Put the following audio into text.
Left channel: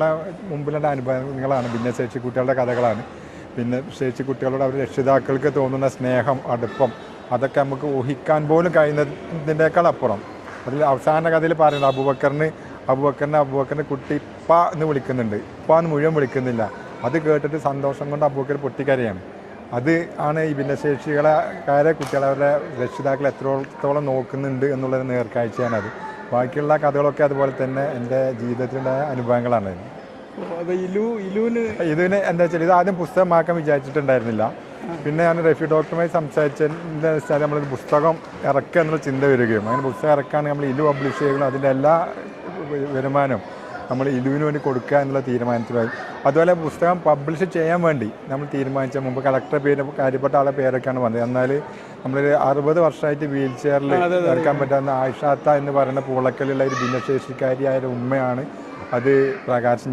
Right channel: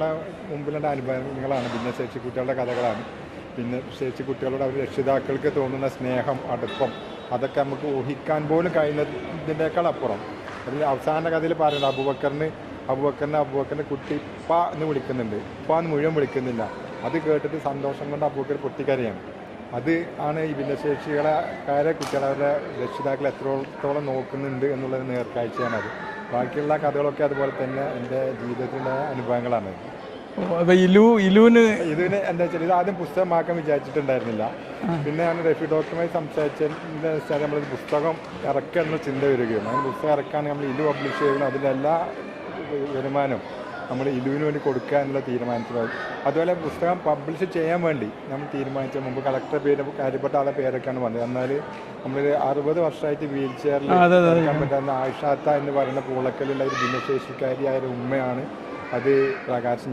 മുമ്പിലുള്ള അനുഭവങ്ങളാണ്. ഭിന്നശേഷി കുട്ടികളുടെ കഥകളാണ്. പിന്നെ ശേഷി കുട്ടികളോട് അവർ രക്ഷിതാക്കൾക്ക് തോന്നുന്ന സ്നേഹം അടുപ്പം അതൊക്കെ നമുക്ക് ഊഹിക്കാൻ പോലും കഴിയുന്നതിന്റെക്കാൾ അപ്പുറം. അതിൽ അവസാന കഥയിൽ പറയുന്നത് അബുബക്കറിന് അബുബക്കറിന് അബുബക്കറിന് കുട്ടി ഇപ്പ എന്ന് വിളിക്കുന്നുണ്ട്. ഇപ്പ എന്ന് മുഴുവൻ വിളിക്കുന്നില്ല. അത് കേട്ടിട്ട് സന്തോഷം കൊണ്ട് അബുബക്കർ പൊട്ടിക്കരയാണ്. അത് ആണ് ഈ ഭിന്നശേഷികളെ കുട്ടികളെ അവരുടെ രക്ഷിതാക്കൾ എത്രത്തോളം നോക്കുന്നുണ്ട് എന്നുള്ളൊരു നേർക്കാഴ്ചയാണ് അത് ബാക്കിയുള്ള കഥകളൊക്കെ അതുപോലെ തന്നെ എന്റെ ജീവിതത്തിലെ അനുഭവങ്ങളാണ്. ഇലു ഇലുവിന് ഇതിന് എന്താ വെച്ചാൽ ഇത് ആദ്യം പുസ്തകമാക്കാൻ വിചാരിച്ചിട്ടുണ്ടായിരുന്നില്ല. പിന്നെ ഞാൻ റഫി ഡോക്ടറുമായി സംസാരിച്ചതിന്റെ വെച്ചാൽ നമ്മൾ പുസ്തകം ഇറക്കുക എന്നുള്ള ചിന്ത വരികയും. അങ്ങനെ പുസ്തകം ഇറക്കുകയാണെങ്കിൽ നമ്മൾ ഇലു പബ്ലിഷ് ചെയ്യണം അതിന്റെ എല്ലാ വരുമാനവും നമ്മൾ ഇലുവിന് വേണ്ടി കൊടുക്കുക എന്നുള്ള തീരുമാനത്തിലായി അതുപോലെ പുസ്തകം പബ്ലിഷ് ചെയ്യാൻ വേണ്ടി നമ്മൾ തീരുമാനിച്ച മുമ്പ് കളക്ടറെ പേര് കാര്യപ്പെട്ട ആളെ പേരൊക്കെയാണ് വന്നത്. എന്നാൽ നമ്മളൊരു അറുപത് വർഷമായിട്ട് വീൽ ചെയറിൽ നടക്കാൻ പറ്റാവുന്ന ആയിഷാത്ത എന്ന് പറയുന്ന പൂളക്കലുള്ള ഒരു ഭിന്നശേഷിക്കാരിയായ ഒരു ഉമ്മയാണ് അത് പ്രകാശം